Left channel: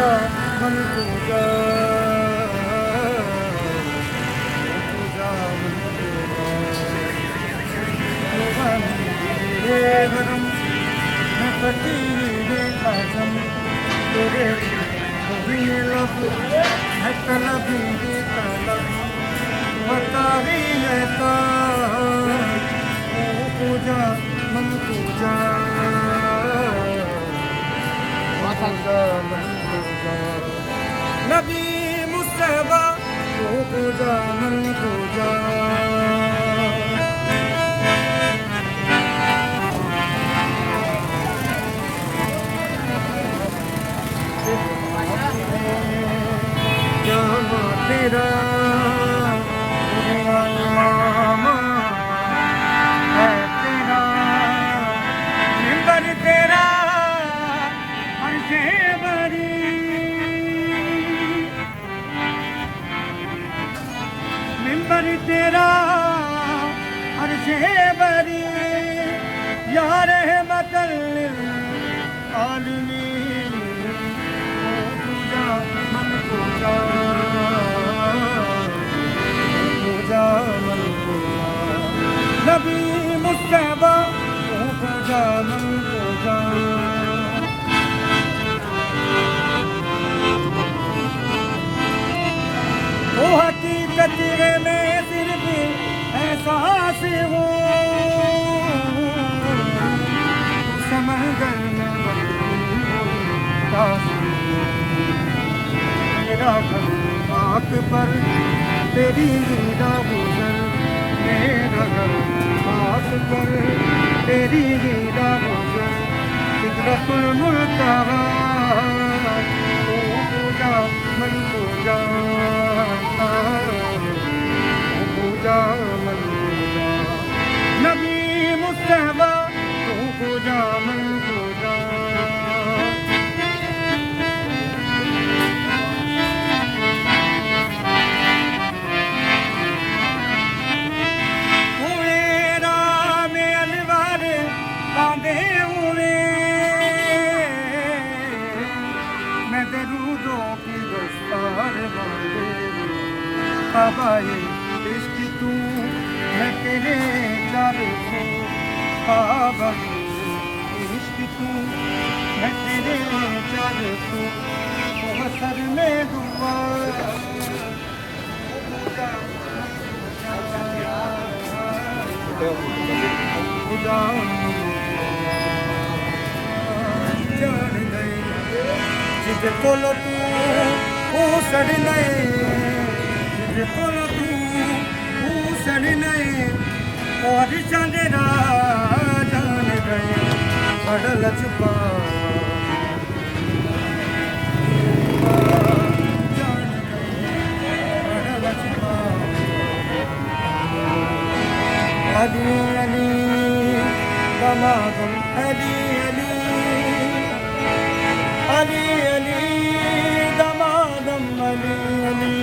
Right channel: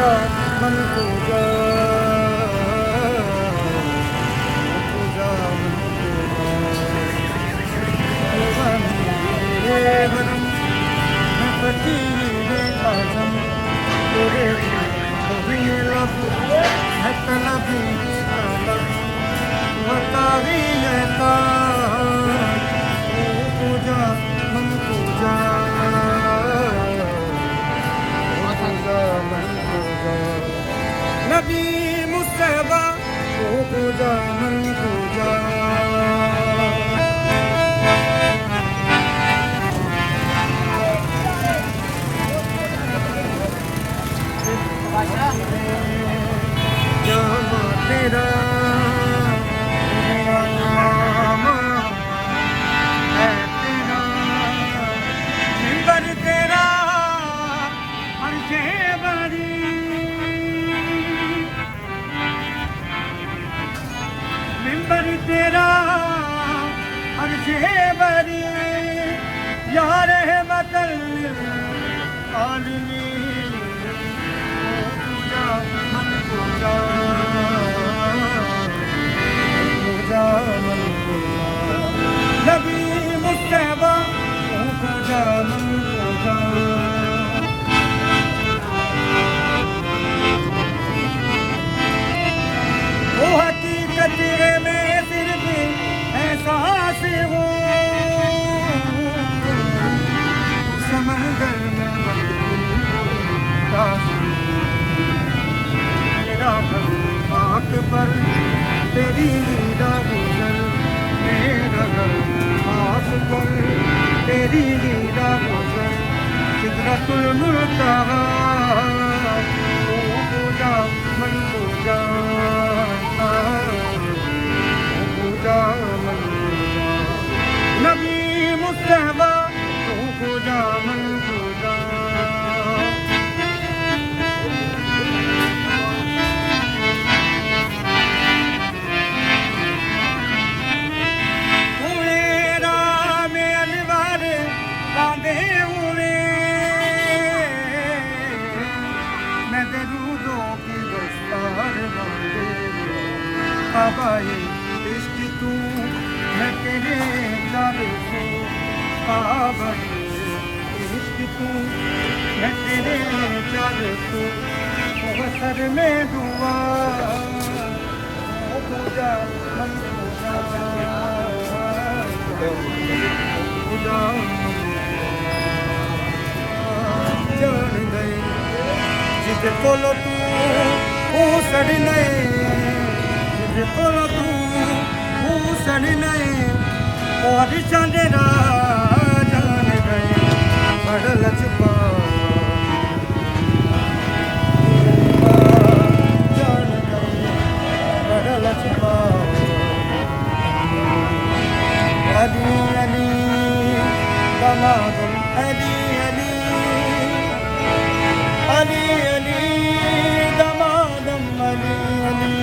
जा मन को जा फकीर आजम तेरे बिन लब है तलबी तलब मतारी है पूजा मन पूजा पूजा मन पूजा नबी मुस्तफा पूजा मन पूजा तेरा नाम है तेरा मिंबर तेरा अर्ज़े बरी मिंबर तेरा अर्ज़े बरी यार है बदल आलमीन नबी मुस्तफा पूजा मन पूजा वो हकीकत में सिर्फ एहसास हो समंदर में मेरा आँख पर तेरी तेरी रीरा गुजर सिदरतुल मुनतहा पूजा मन पूजा पूजा नबी मुस्तफा पूजा मन पूजा बाबाए इश्क तू है तेरे जादू बाबा इश्क तू है तेरे जादू बसर में दुआ पूजा मन पूजा पूजा जान गए जिसे बोलो तू वो सड़ नहीं बोलो तू सड़ नहीं और चंदेरा जान गए बड़ल छुपा जान गए बड़ल छुपा अली अली दमादम अली अली अली अली दमादम अली अली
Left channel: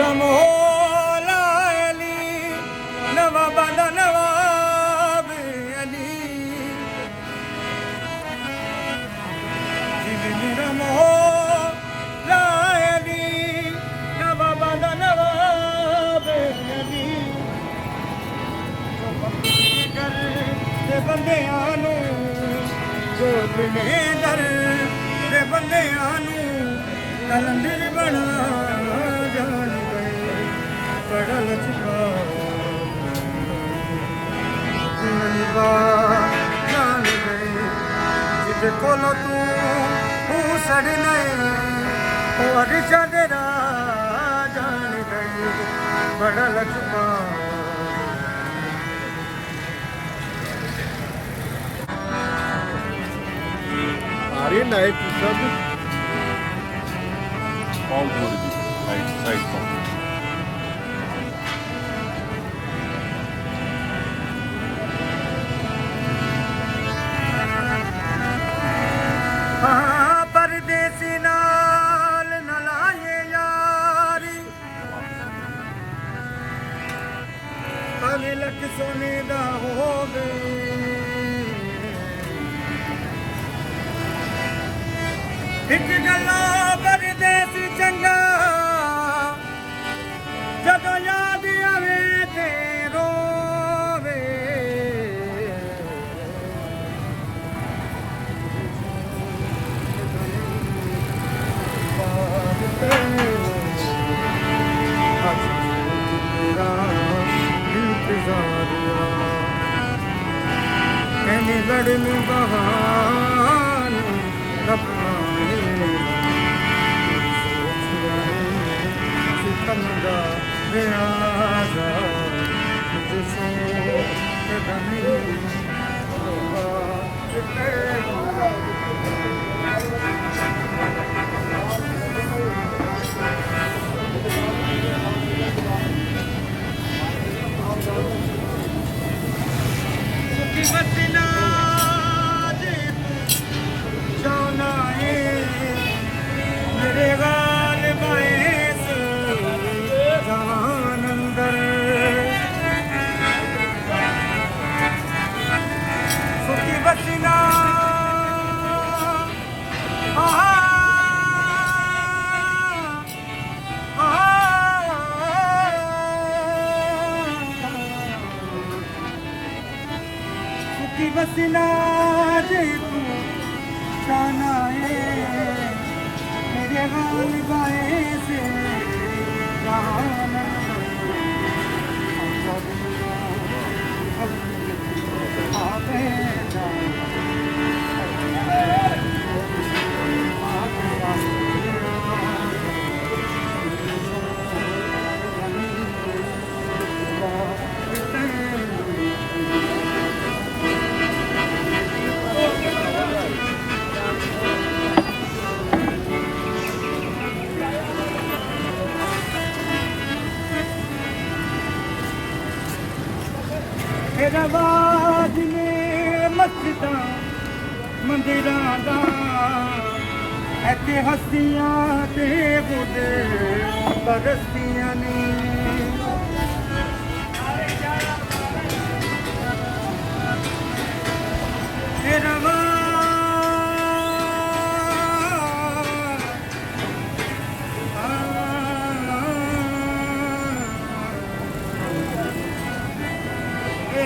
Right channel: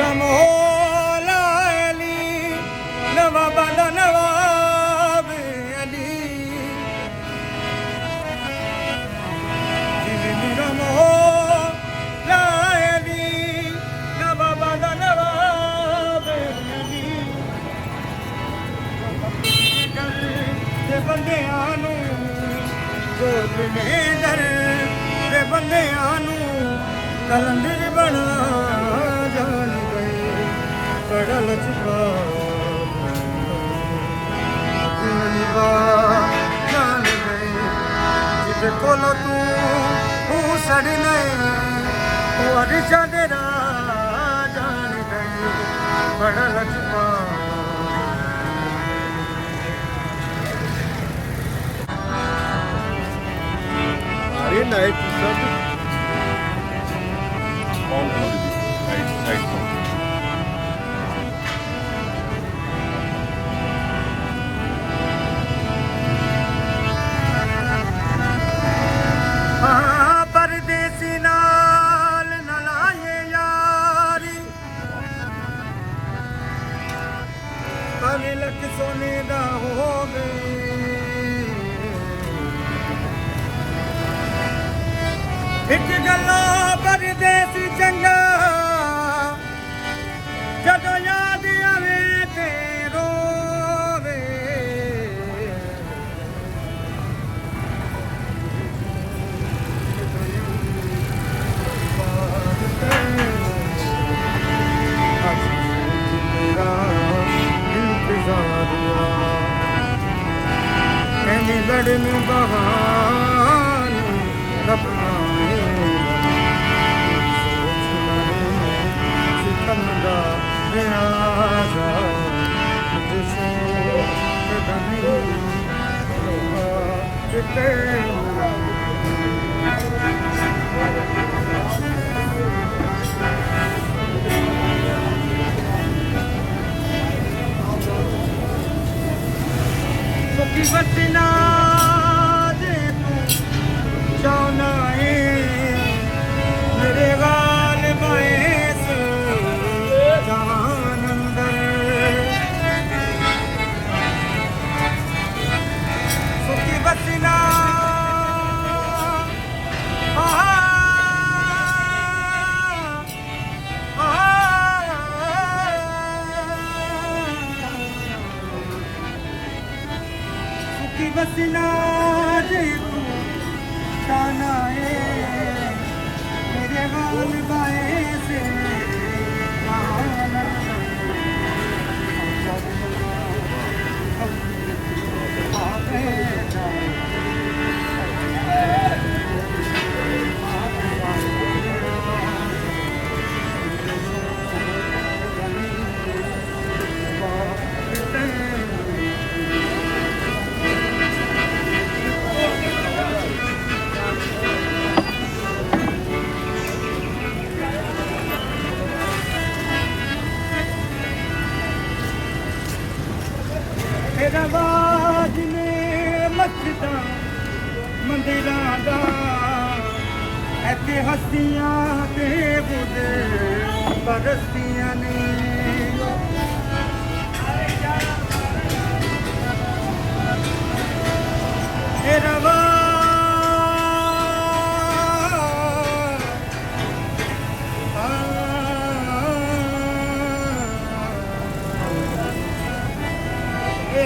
रमोला अली नवाब नवाब अली रमोला अली नवाब नवाब अली बंदे आनू गोद में दर दे बंदे आनू कलंदर बना जान गए पड़ल छुपा जान गए जिसे कोलो तू सड़ नहीं और चादरा जान गए पड़ल छुपा अरे नहीं परदेसी नाल न लाए यारी ਤਿਲਕ ਸੋਨੇ ਦਾ ਹੋਵੇ ਇੱਕ ਗੱਲੋਂ ਪਰਦੇਸੀ ਚੰਗਾ ਜਦੋਂ ਯਾਦ ਆਵੇ ਤੇ ਰੋਵੇ ਲੜਨ ਬਹਾਨੇ ਰਬਨਾਏ ਸਿਤਮ ਦਾ ਰਿਆਜ਼ਾ ਜਿਸੋ ਕਦਮੀ ਜਿੱਤੇ ਸੁਖੀ ਵਸਨਾ ਜੇ ਤੂੰ ਚਾਹਨਾ ਏ ਮੇਰੇ ਗਾਲ ਬਾਏ ਜਾਨ ਅੰਦਰ ਸੁਖੀ ਵਸਨਾ की वसीला जे तू जाना है मेरे गाल बाए से रवाज ने मस्जिदा मंदिरां दा ऐते हस्तियां ते बुदे बरस्तियां ने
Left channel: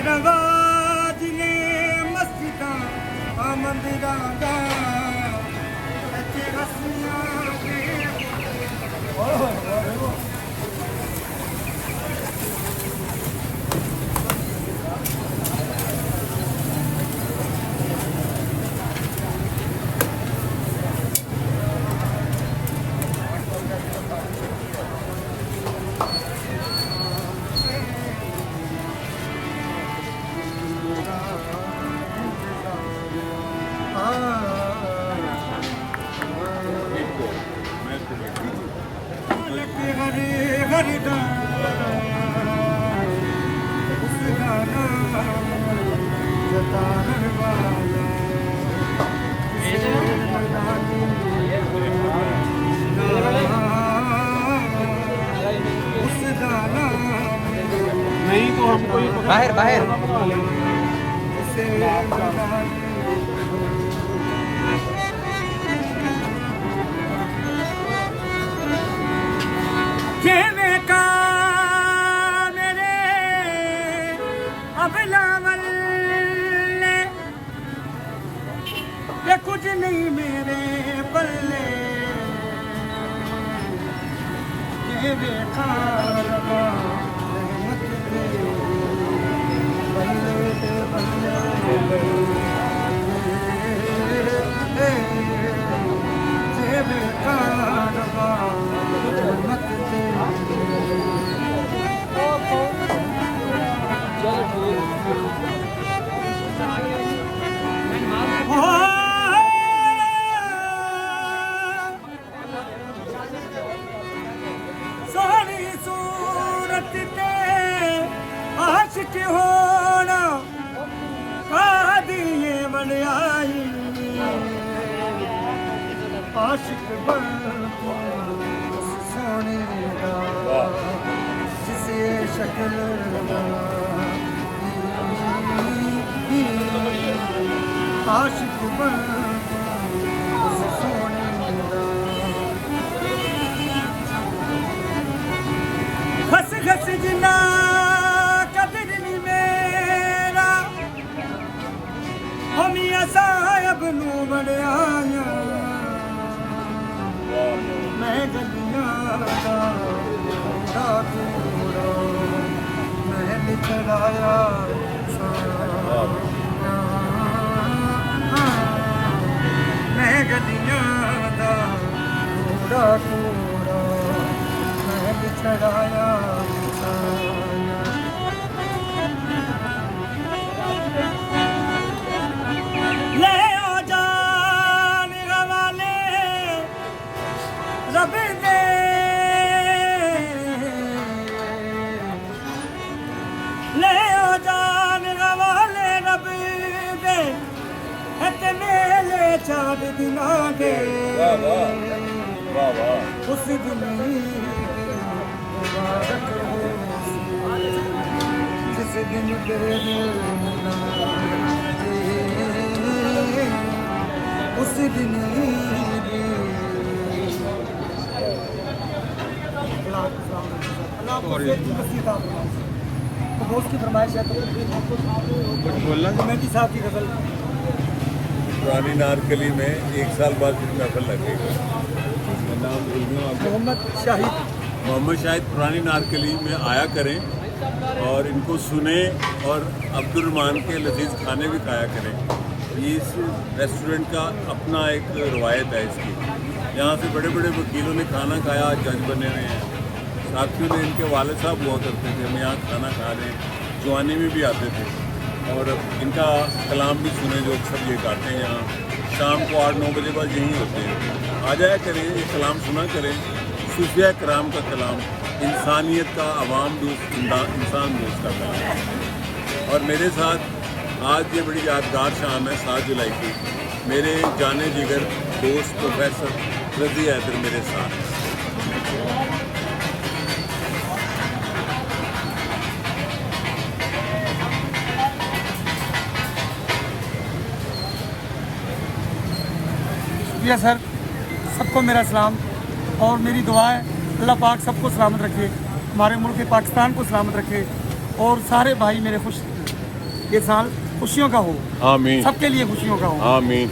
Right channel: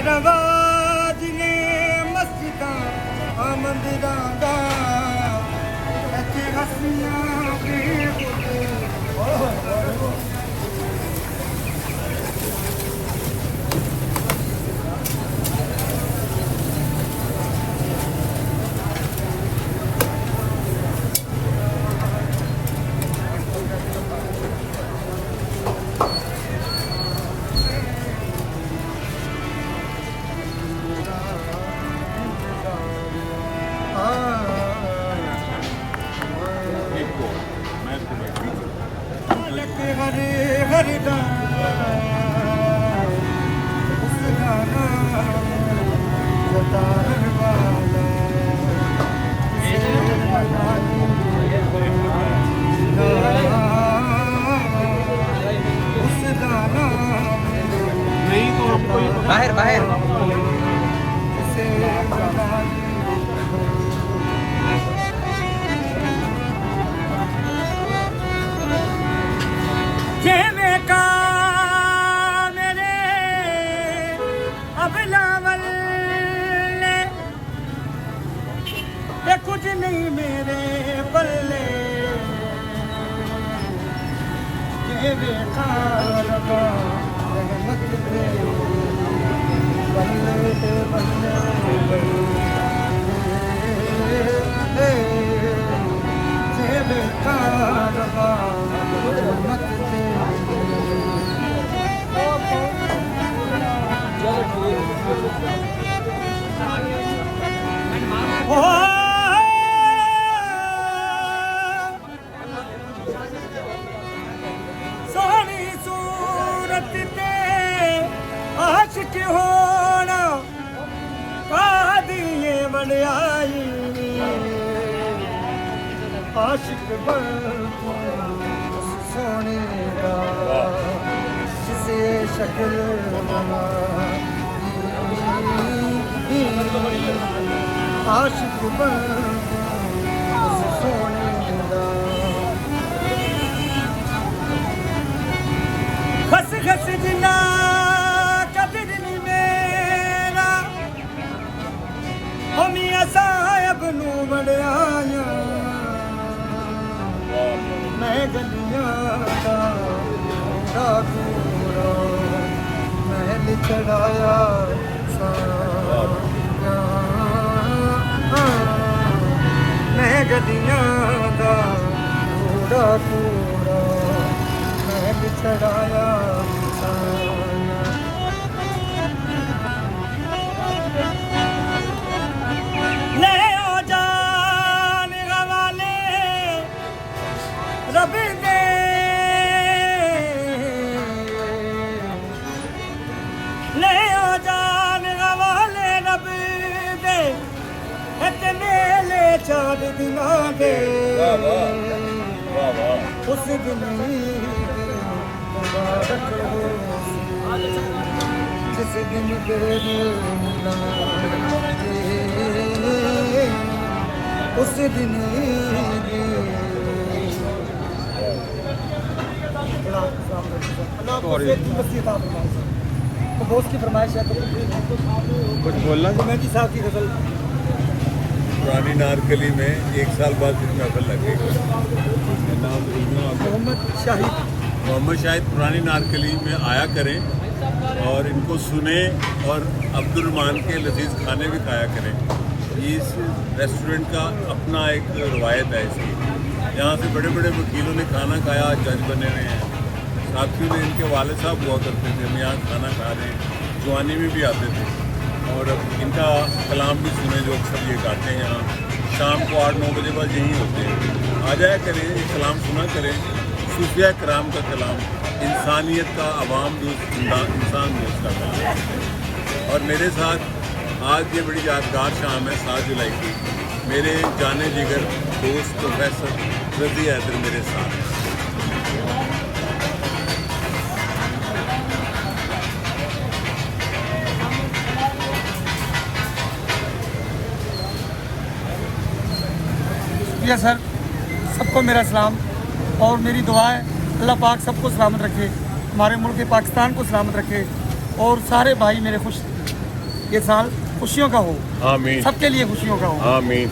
रवाज ने मस्जिदा मंदिरां दा ऐते हस्तियां ते हरे हरे उस गाना जतार वाला उस गाना बाहर बाहर जेवे का मेरे अबलावल ते कुछ नहीं मेरे पल्ले जेवे का रबा रहमत दे बल्ले ते बल्ले जेवे का रबा रहमत दे सोहनी सूरत ते आशिक होना कादिए वड्याई आशिक बन सोने दा जिसे शक्ल बना आशिक बन सोने दा खस खस जिना कदर नी मेरा हमिया साहब नू वड़ियाया मैं गलियां दा ठाकुरा महल चढ़ाया मैं गलियां दा ठाकुरा महल चढ़ाया ले ओ जान गवाले रब दे ले ओ जान गवाले रब दे ते मेले चार दिना दे उस दिन मुबारक हो जिस दिन तेरे मिलना उस दिन तो दोस्त की फरमाइश है तो कुछ बोलना मेहंदी साहब की गजल पुरानी नारकली में एक साल बाद महफल लगे। नाम भूल गया आपका। मोहम्मद शाहिद पुरानी नारकली में आया करें और इनको सुने और अब्दुलरहमान के लजीज खाने भी खाया करें। इस रेस्टोरेंट का अपना एक रवायत है इसकी। यहाँ से बड़े बड़े वकीलों ने खाना खाया, जज बने हुए हैं। साथियों ने इनके वाले साहब हुआ करते थे, हम यहाँ खाना खा रहे हैं, जवानी में भी आते थे और इनका कलाम भी सुने जो अक्सर ये गाते हैं। यहाँ शाम को 8-9 बजे बाद यहीं होते हैं, आ जाया करें, ये कलाम सुना करें। सूफिया कराम का कलाम, इंसानियत का, अवाम दोस्त, इंसान दोस्त का कलाम। और मेरे साथ आज ये बड़ी यादगार शाम है 7 जुलाई की। मेरे जाने जिगर दोस्त प्रोफेसर रज़ी हैदर मेरे साथ हैं। शुक्रिया सर, सबको मेरा सलाम और मेरी दुआ है अल्लाह पाक सबको सलामत रखे, हमारे मुल्क पाकिस्तान को सलामत रखे और सारे भाई मेरे खुश ये साल खुशियों का हो, आमीन। सबके लिए खुशियों का हो, आमीन।